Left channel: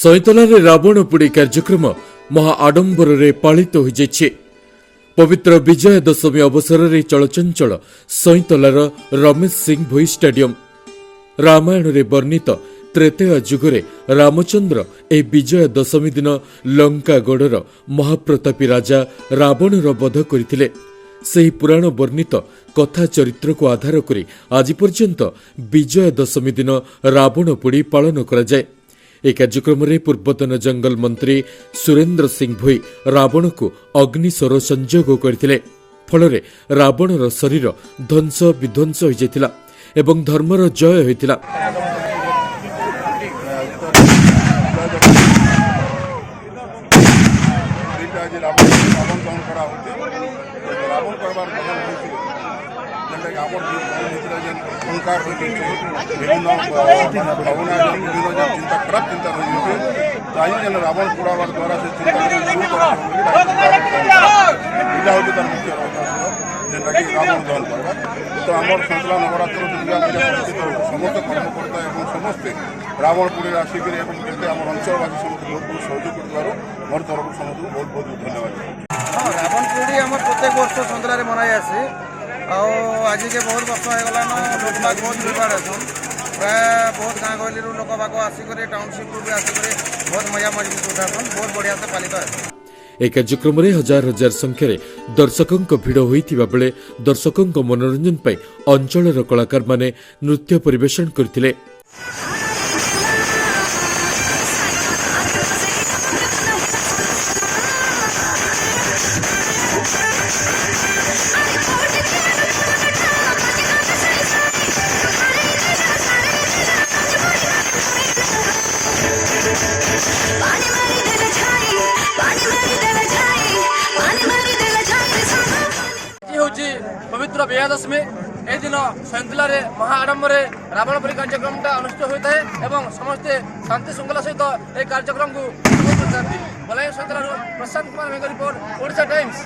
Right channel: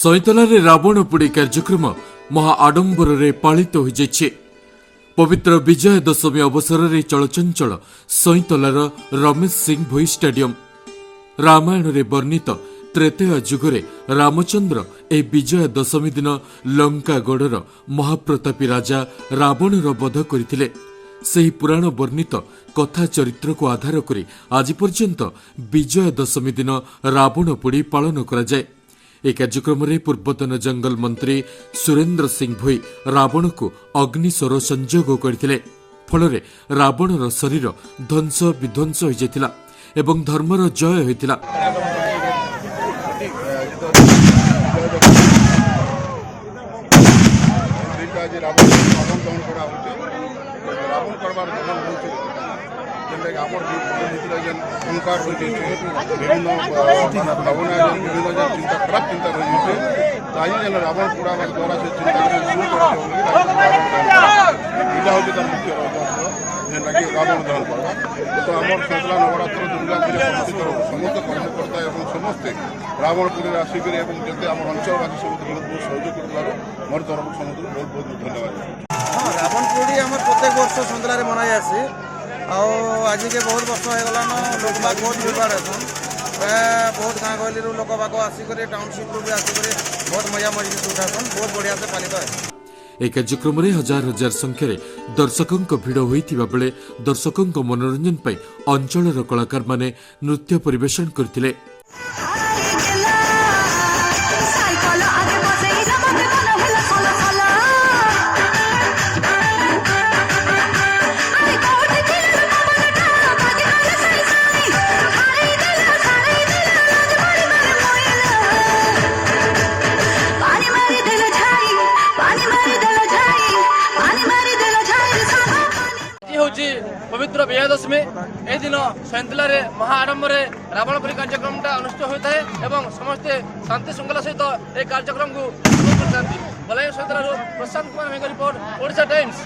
सईतलारे रावण पोड़ी कार्यक्रम महा आडंबर पालित हो जाइए। पवित्र विजय दशमी अवसर में चलचंचल सईतलार रमेश सिंह भोई स्टेडियम। रामायण रे वर्णित त्रेतेय जुगरे रामचंद्र ए विजय दशमी दिन लंकागढ़र महाप्रतापी राजा रावणर वध करथिले। ସେହି ପୁରାଣ ବର୍ଣ୍ଣିତ କଥା ଚରିତ୍ରକୁ ଆଧାର କରି ଆଜି ପର୍ଯ୍ୟନ୍ତ ବିଜୟ ଦଶମୀ ଦିନ ରାବଣ ପୋଡ଼ି ପାଳନ କରାଯାଏ। ଏହି କାର୍ଯ୍ୟକ୍ରମରେ ପୂର୍ବତନ ଜଙ୍ଗଲ ମନ୍ତ୍ରୀ ସୁରେନ୍ଦ୍ର ସିଂ ଭୋଇ ରାବଣକୁ ଅଗ୍ନିସ୍ୱର ସଂଯୋଗ କରିଥିଲେ। ଫଳରେ ରାବଣର ଶରୀର ଧ୍ୱଂସ ବିଧ୍ୱଂସ ହୋଇଯାଇଥିଲା ଏବଂ ଧର୍ମର ଜୟ ହୋଇଥିଲା। रावण करवार गमन होती जेनटा कि आमर भीतर जेन ओंकार रही विभिन्न माने भावना विभिन्न जेन चिंता खराब चिंता रही ताई जेन रावण पोड़ावार द्वारा से चिंता के दूर करा इटा होती तार मुख्य उद्देश्य जेनटा कि रावण दहन करवा। तो आमर सतला नवरात्र दुर्गा पूजा समिति तरफ समस्त कर्मकर्ता एवं समस्ते रावण पोड़ी आसिक जैसे आम अंचलवासी समस्त बहुत बहुत सहयोग कर मोर तरफ समस्त बहुत बहुत धन्यवाद। हाँ रावण पोड़ी आम प्रत्येक वर्ष सतलार मनाई आसी आज के बहुत वर्ष होगा लोक बाग बहुत प्रिपेयर हेसन प्राय बहुत गाँ गहली लोक बाग आसिक टाउनशिप भी आसिक बहुत मजा मस्जिद उठासन बहुत बढ़िया से पालित है। एक कार्यक्रम में हजार हजार संख्यार दर्शकों भिड़ होता बेले दर्शकों मनोरंजन पर अंचल कलाकार माने नृत्य परिवेशन करथिले। पवित्र विजय दशमी ए दिन सैंतलार महाआडंबर रावण पोड़ी कार्यक्रम अनुष्ठित होता है एवं समस्ते शांति श्रृंखला सहित यह कार्यक्रम को उपभोग करते। Balangir सैंतलार Prashant Kumar report Odisha times.